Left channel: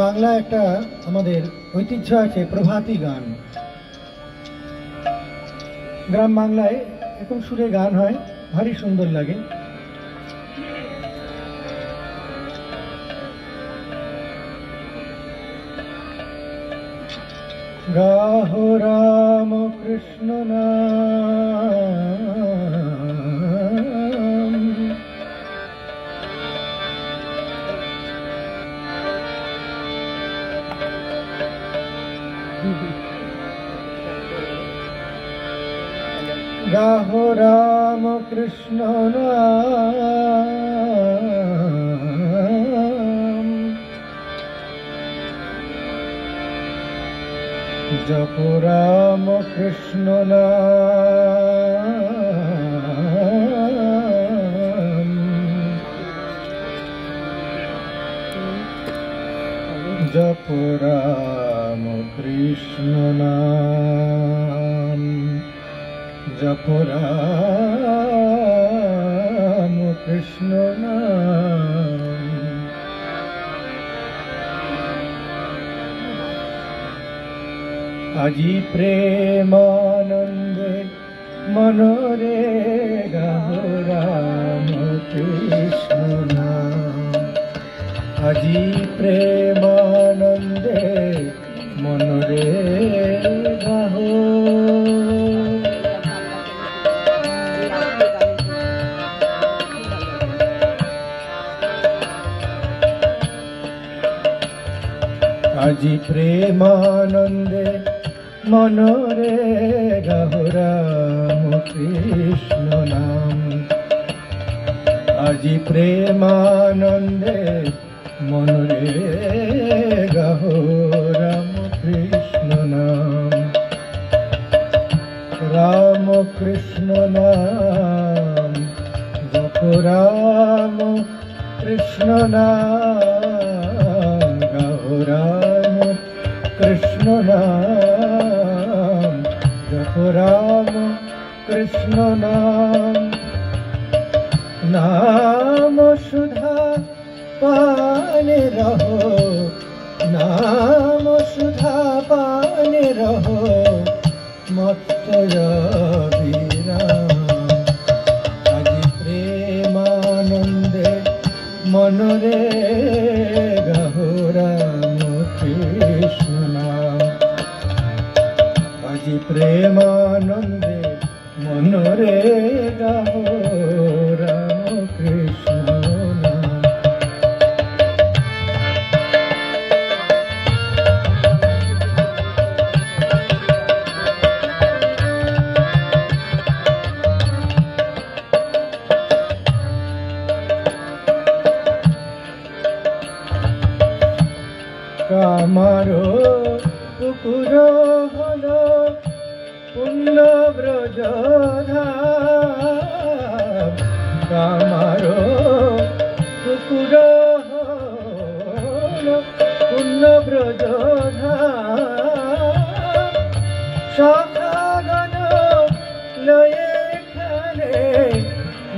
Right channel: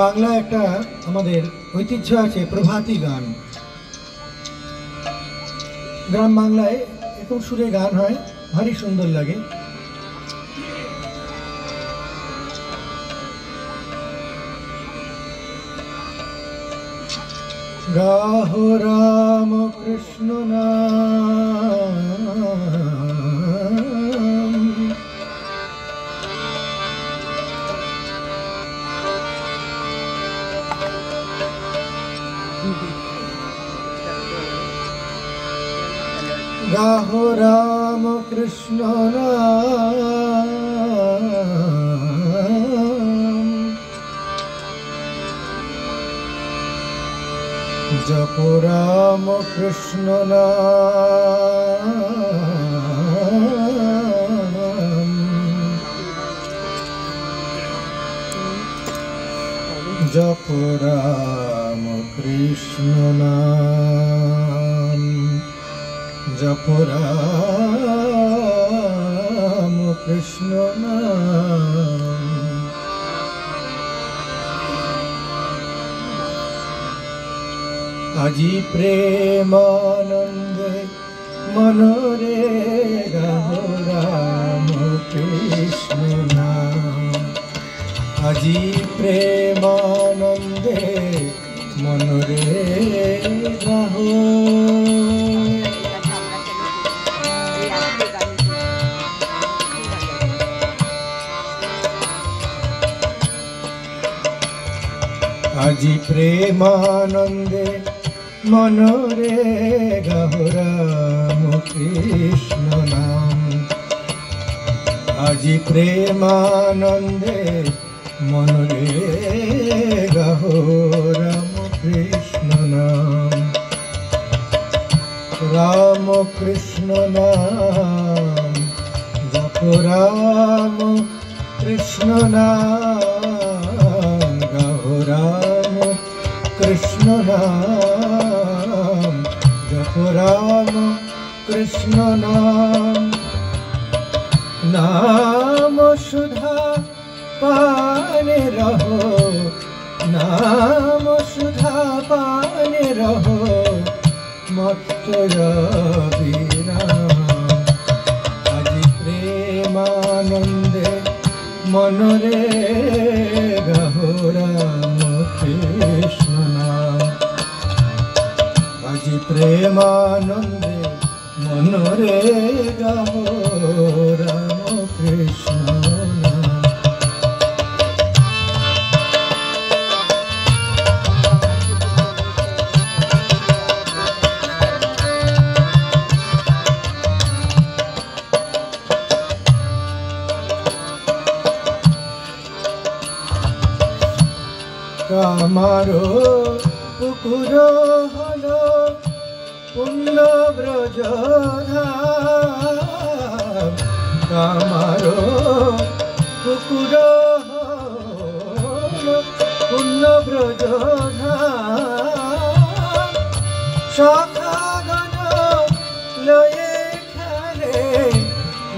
বাংলা একটা আমাদের ঐতিহ্য আছে প্রভাতী গান। গ্রাম বাংলায় এরকম সুরে গান হয়, ভারী সুন্দর লাগে। গাহো রাম কৃষ্ণ নাম, গাহো রাম কৃষ্ণ নাম, জপ রাম কৃষ্ণ নাম, জপ রাম কৃষ্ণ নাম, জপ রাম কৃষ্ণ নাম। আজি প্রেমানন্দে মনোরে গাহো রাম কৃষ্ণ নাম, আজি প্রেমানন্দে মনোরে গাহো। আজি প্রেমানন্দে মনোরে গাহো রাম কৃষ্ণ নাম, আজি প্রেমানন্দে মনোরে গাহো রাম কৃষ্ণ নাম, রাম কৃষ্ণ নাম, জপ রাম কৃষ্ণ নাম, গাহো রাম কৃষ্ণ নাম, জপ রাম কৃষ্ণ নাম। नाम सुधा पाने रहो, नाम सुधा पाने रहो, मत्त विराम। আজি प्रेमानंदे मनोरे गाहो राम कृष्ण नाम, আজি प्रेमानंदे मनोरे गाहो राम कृष्ण नाम। कामारो पुकुर हलो पुण्य ब्रज धाम, कामारो पुकुर हलो पुण्य ब्रज धाम, सखागण लये खेले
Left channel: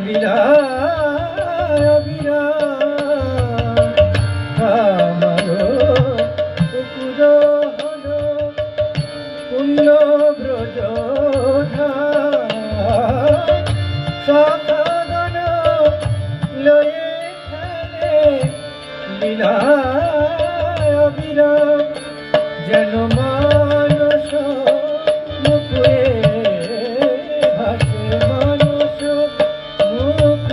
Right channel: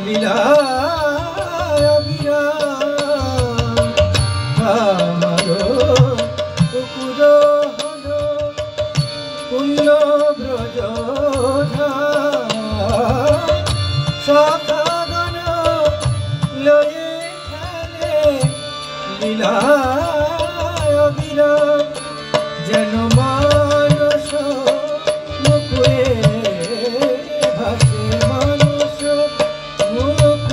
लीला विराम। कामारो पुकुर हलो पुण्य ब्रज धाम, सखागण लये खेले लीला विराम। যেন মানস মুকুরে ভাসে, মানস মুকুরে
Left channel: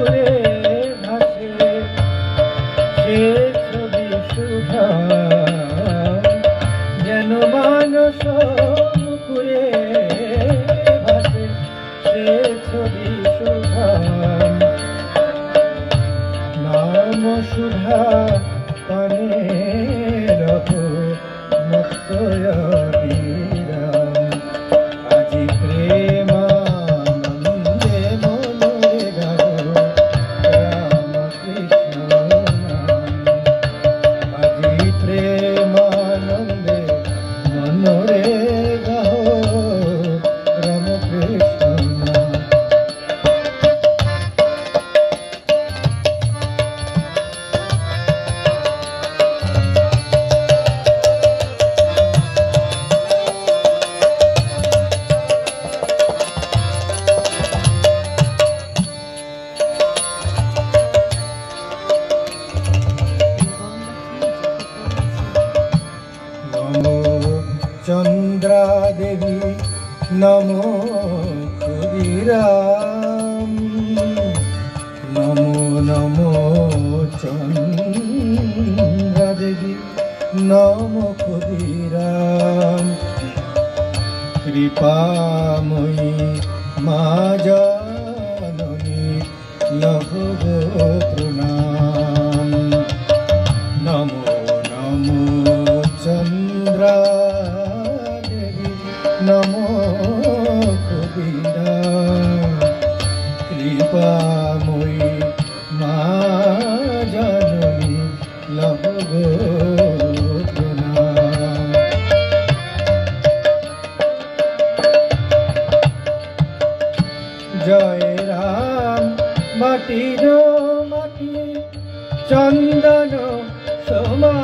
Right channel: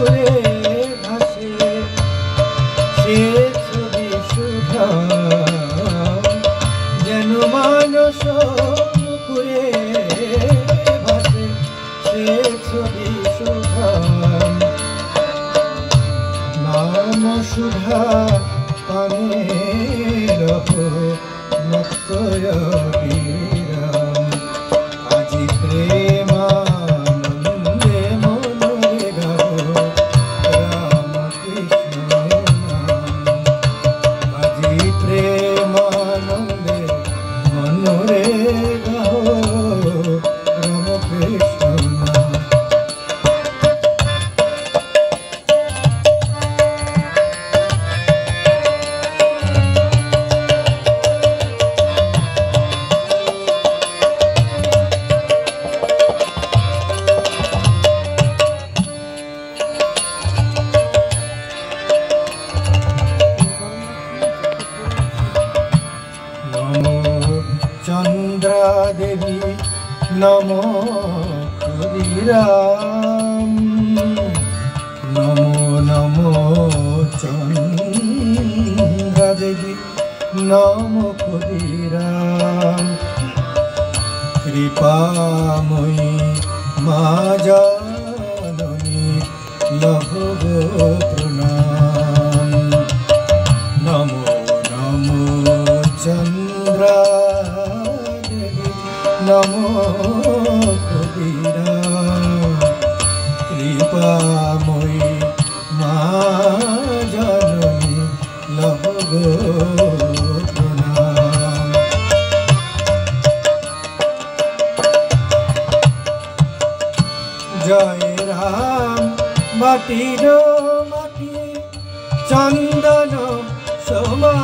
নমো ক্ষুদিরাম নমো নমো চন্দ্রা দেবী নমো ক্ষুদিরাম কৃপাময়ী মা জননী লহ গো প্রণাম নমো নমো চন্দ্রা দেবী নমো ক্ষুদিরাম কৃপাময়ী মা জননী লহ গো প্রণাম জয় রাম মাটির মাটি চন্দন সমান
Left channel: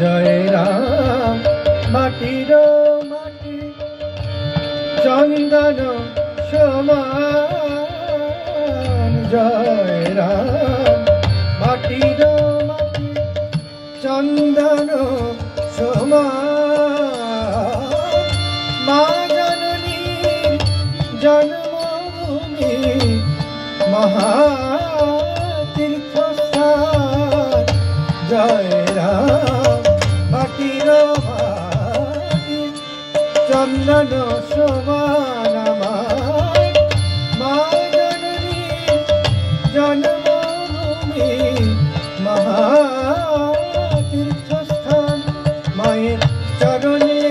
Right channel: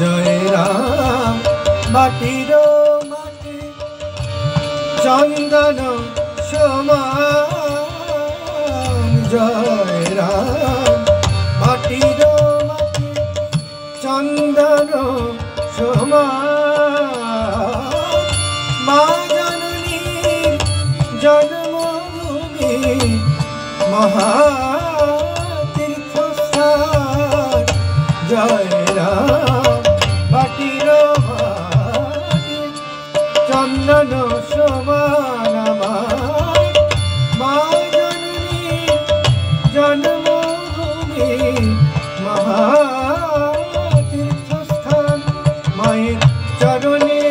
জয় রাম মাটির মাটি চন্দন সমান জয় রাম মাটির মাটি চন্দন সমান মা জননী জন্মভূমি মহাতীর্থস্থান জয় রাম মাটির মাটি চন্দন সমান মা জননী জন্মভূমি মহাতীর্থস্থান মায়ের চরণে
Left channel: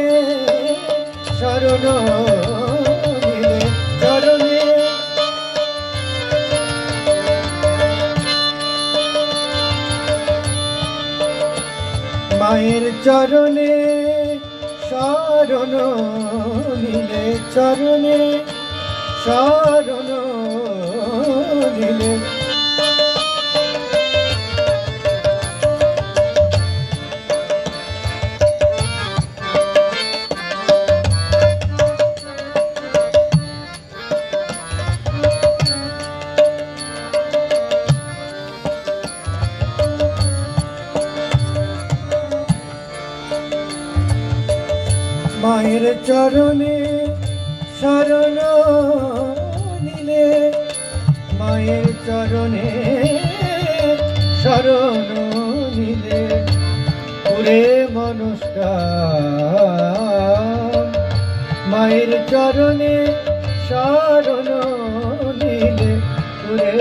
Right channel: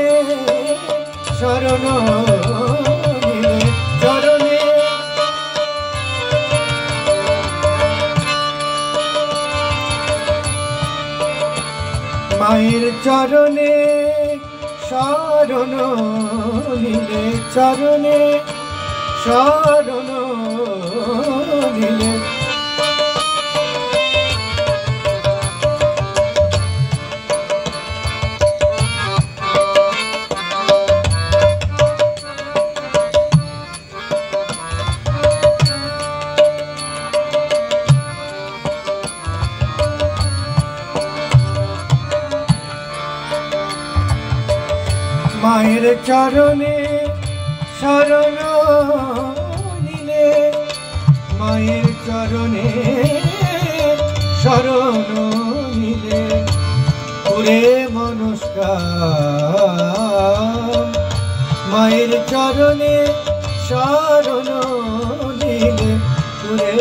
শরণ নিলে চরণে মায়ের চরণে শরণ নিলে চরণে শরণ নিলে মায়ের চরণে শরণ নিলে মায়ের চরণে শরণ নিলে ওরে মনস্কার মায়ের চরণে শরণ নিলে ওরে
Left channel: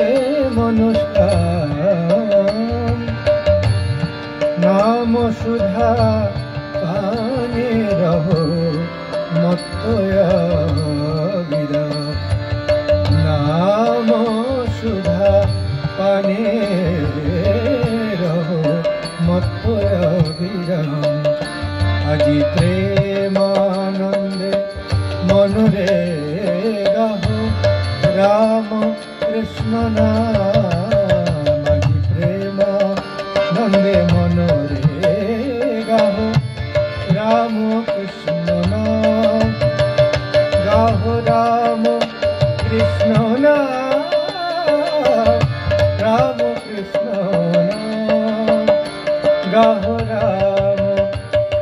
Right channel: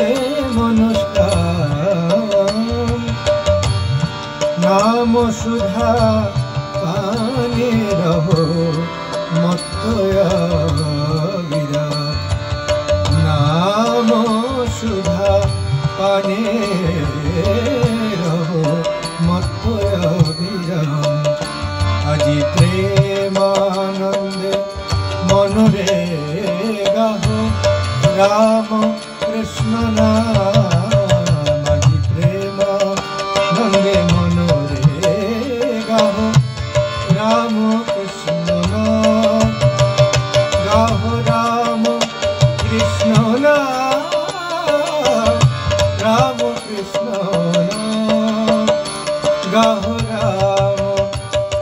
মনস্কার নাম সুধা পানে রহো মত্তয়া বিরাট নাম সুধা পানে রহো মত্তয়া বিরাট আজি প্রেমানন্দে মনুরে গাহো রাম কৃষ্ণ নাম আজি প্রেমানন্দে মনুরে গাহো রাম কৃষ্ণ নাম গাহো রাম কৃষ্ণ নাম রাম কৃষ্ণ নাম গাহো রাম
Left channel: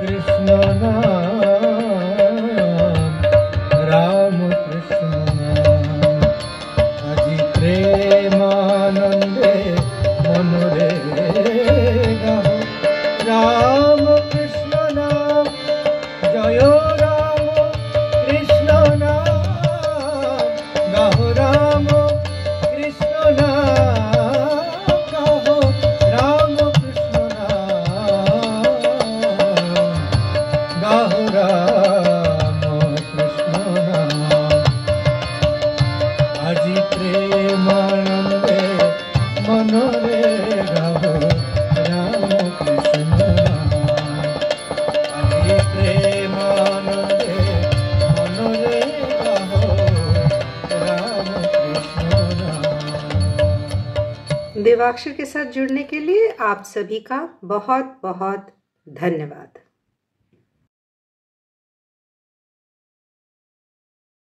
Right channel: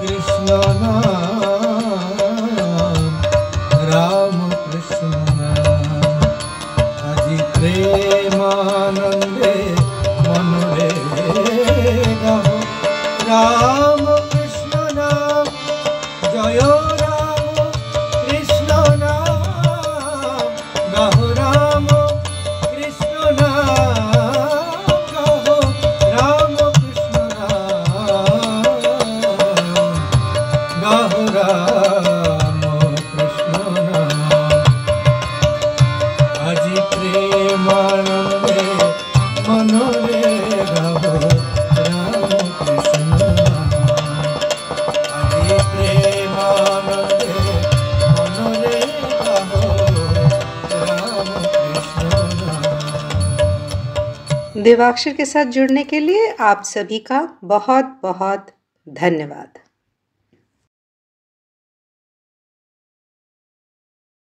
কৃষ্ণ নাম রাম কৃষ্ণ নাম আজি প্রেমানন্দে মনুরে গাহো রাম কৃষ্ণ নাম জয় রাম কৃষ্ণ নাম গাহো রাম কৃষ্ণ নাম গাহো রাম কৃষ্ণ নাম গাহো রাম কৃষ্ণ নাম আজি প্রেমানন্দে মনুরে গাহো রাম কৃষ্ণ নাম আজি প্রেমানন্দে মনুরে গাহো রাম কৃষ্ণ নাম। देवाक्षर के साथ जुड़ने के लिए आप सभी का बहुत बहुत धन्यवाद।